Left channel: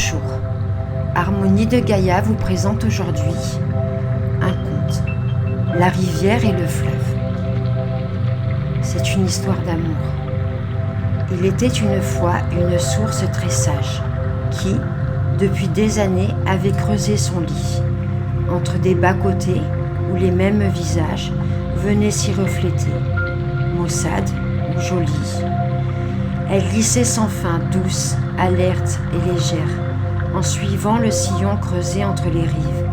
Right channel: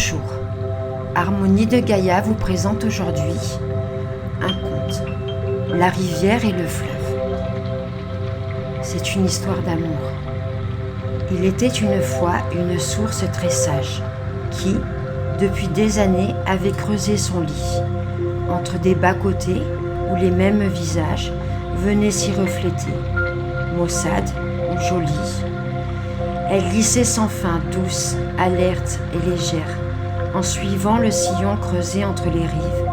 Bonjour, Harmonie de Gaïa vous présente aujourd'hui un conte, La rivière et le fleuve. C'est une histoire d'amour. Il était une fois une source très sage qui, depuis des années, avait creusé son lit, entre des bas-côtés où les mêmes visages venaient s'y refléter, maussade ou jolie. Elle glissait sans fin, douce, alerte et légère, en suivant le sillon creusé entre les rives,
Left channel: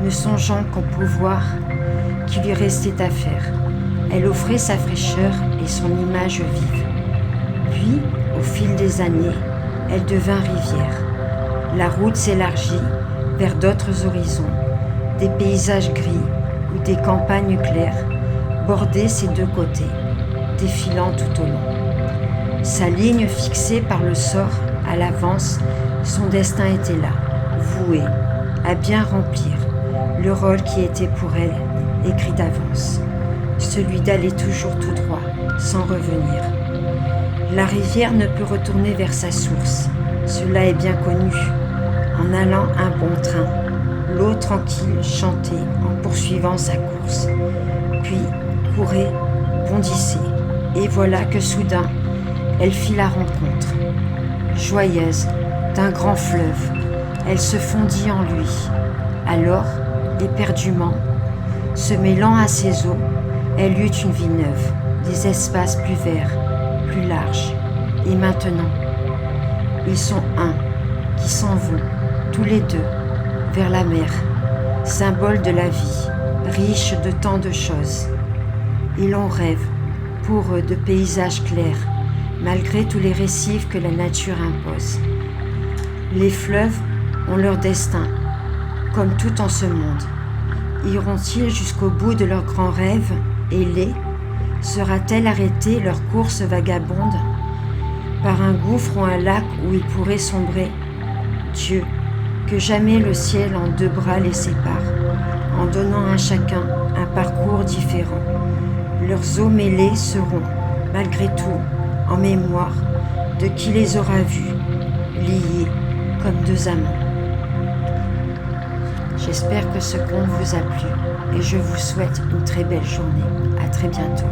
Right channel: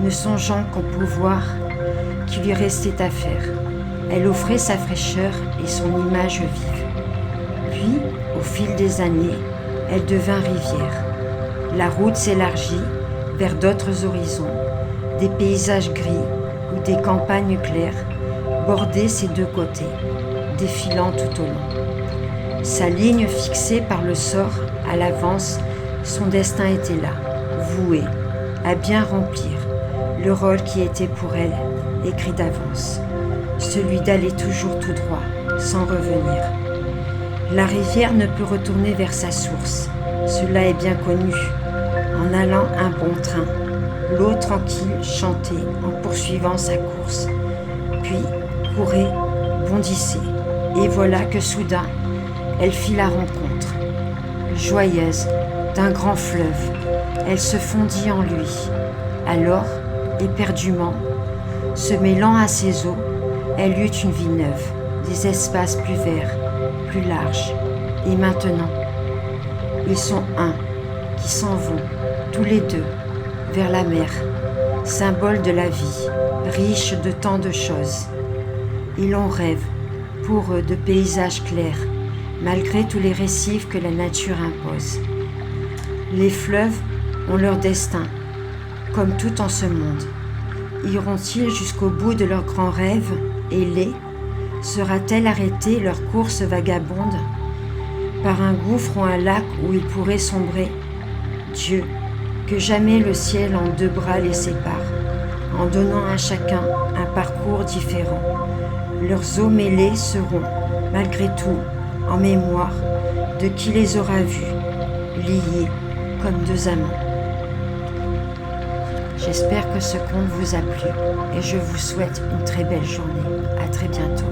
ne songeant qu'au pouvoir qui lui restait à faire. Elle offrait sa fraîcheur et son image vive. Puis, au fil des années, elle devint rivière. La route s'élargit vers d'autres horizons, des paysages gris ou des campagnes claires bordaient ses deux côtés, défilant tout au long. Sa ligne fixée par le sort à l'avance, son destin était là, voué à bien remplir le rôle qui était pour elle écrit d'avance, celui d'aller toujours tout droit, sans revenir. La rivière ne peut retourner vers sa source, cela est bien connu. En allant un bon train, l'eau tranquille chantait en poursuivant sa course, puis courait, bondissait, et voilà que soudain, elle fit la rencontre. Joyeuse d'un grand fleuve, elle se fondit en lui. Alors, éperdument, se mêlant à ses eaux, elle eut une vie neuve, des espaces plus verts, plus larges. Et maintenant, ils sont un, qui s'en vont, tous les deux, vers la mer, symbole de la vie, riche de tant de choses. Et l'on rêve, pour eux, de paysages clairs, malgré tous les récifs que la nature impose. Les fleuves ont leur destin, comme tout en ce monde. Iront-ils jusqu'au bout de leurs grands rêves, ailés? Sera-t-elle arrêtée leur course vagabonde par un gouffre ou un lac où ils pourraient sombrer? Dieu, que jamais le ciel en deux bras les sépare, en donnant à chacun un parcours différent. Leurs eaux mêlées seront, malgré tout, en mémoire de qui les aura vus, liés comme deux amants. J'espère que ce conte vous a plu et je vous souhaite une très belle journée. À très bientôt.